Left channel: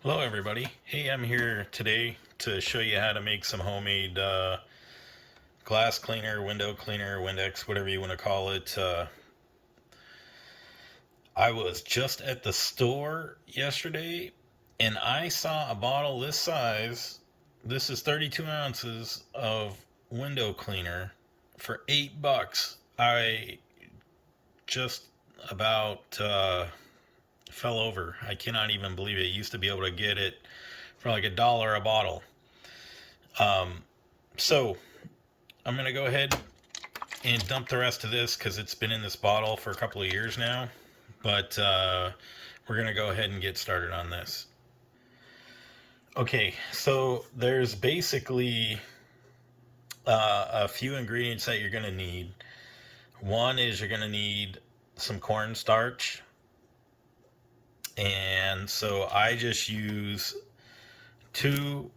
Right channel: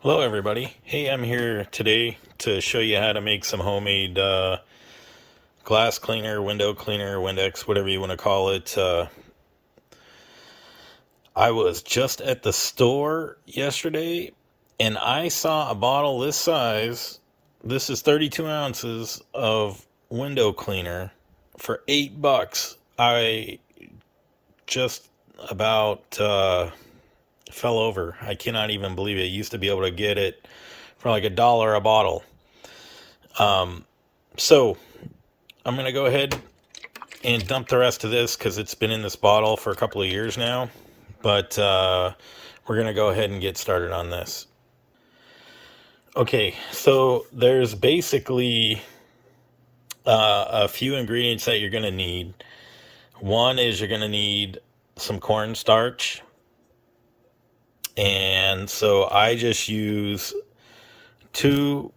Hello everybody. Hey, I'm here today to show you how to make some homemade glass cleaner, window cleaner, Windex, whatever you want to call it. I was just at the store yesterday and I saw a bottle this size. This is 32 ounces of window cleaner for $8. I just about fell over. I cannot even believe it. I used to be able to get it for like $1 a bottle. So I'm going to go ahead and dump the rest of this because it's been in this bottle for a couple of years now. But we're going to go ahead and get started on this. Okay, so there's basically a few ingredients that you're going to need. One is you're going to need some cornstarch. And so I just use 2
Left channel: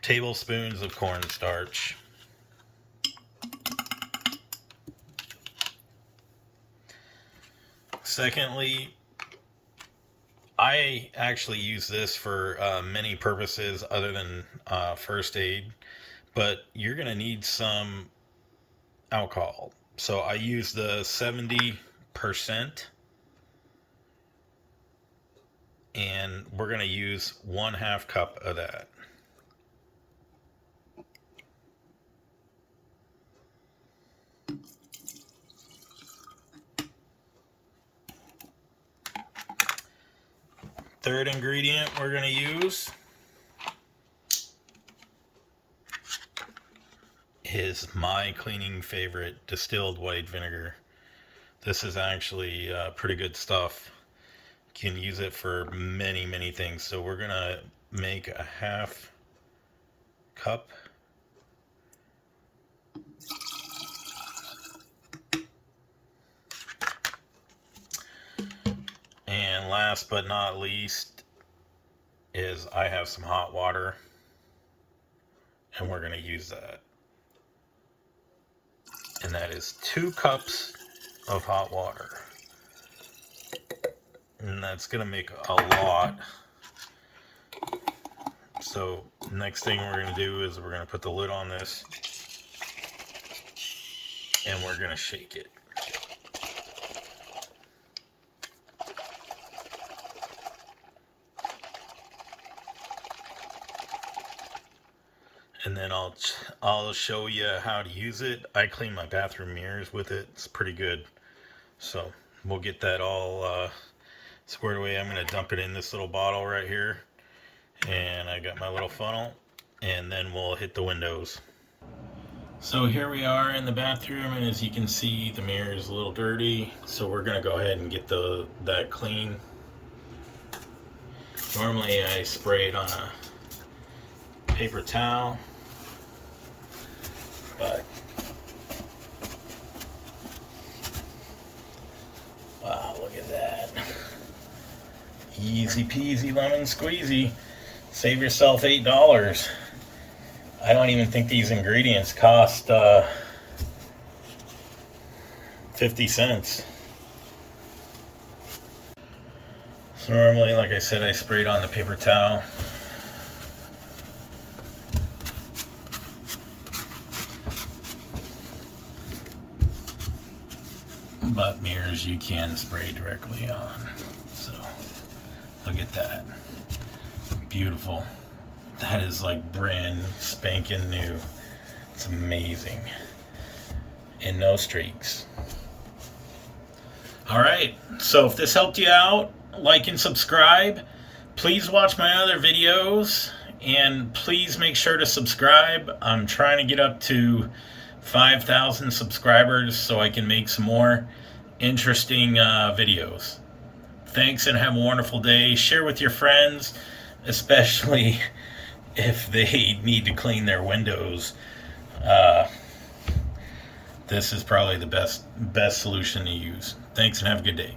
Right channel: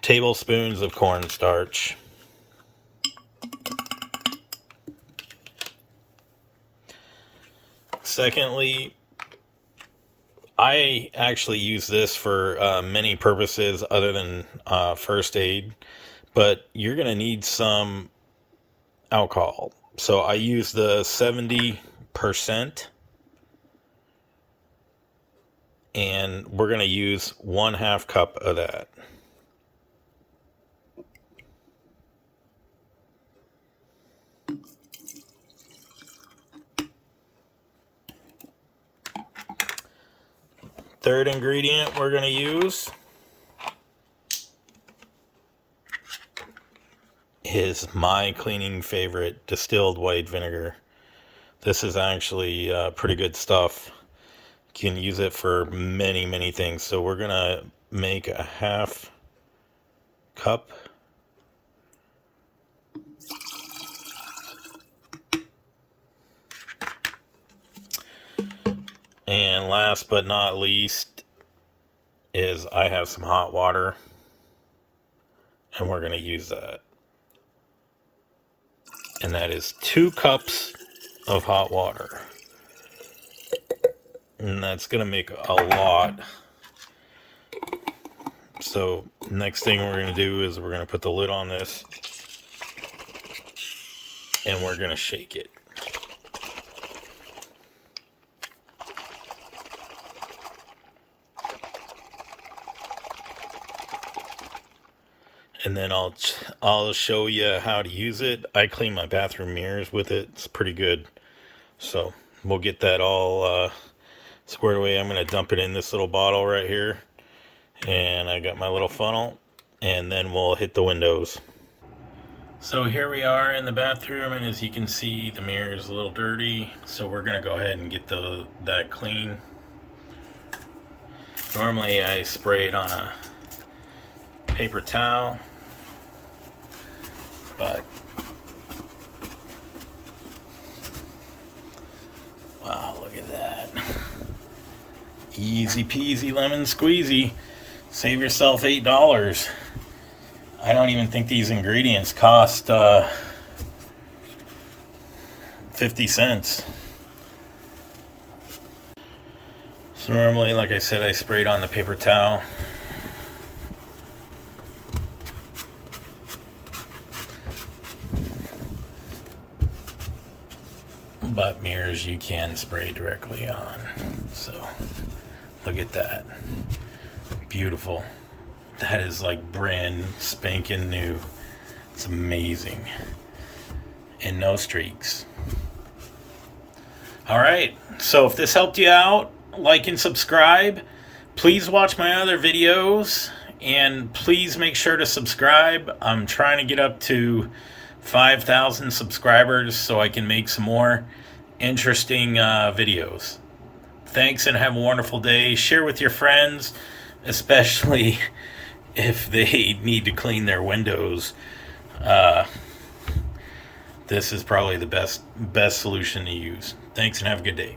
tablespoons of cornstarch. Secondly, I actually use this for many purposes other than first aid, but you're going to need some alcohol. So I use the 70%, and we're going to use 1/2 cup of that. Third ingredient we're going to use is my cleaning favorite, distilled white vinegar. This is actually pretty good stuff. You can use it for many things. So we're going to make a 1/2 cup. And last but not least is I have some hot water, and we're going to use that. And that is 2 cups of hot water. And that's going to make a lot. So next thing we're going to do is we're going to put the lid on this, and we're going to shake it. And then I'll show you how to use it. I clean my bathroom mirrors with it. It's pretty good. So we'll get that all squared away. I'm going to dump it in this little bottle right here. And I got my little funnel. And then we'll hit the windows. So here we are in the bathroom, and as you can see, the mirror is a little dirty. So we're going to go ahead and get that clean. Normally I spray it on a paper towel, but wow, look at that. Easy peasy lemon squeezy. Save yourself $8. I don't even think these ingredients cost 50 cents. So normally, like I said, I sprayed on the paper towel. But mirrors you can spray directly on. So look at that. Beautiful. That is like brand spanking new. It's amazing. And no streaks. Alright, so if this helped you out, like and subscribe. Please watch my other videos, and please make sure to subscribe. I'm trying to get up to 5,000 subscribers so I can make some more interesting videos. Thanks, and have a wonderful day. Share with your friends, especially if they need to clean their windows. This is probably the best solution to use. Thanks, and have a good day.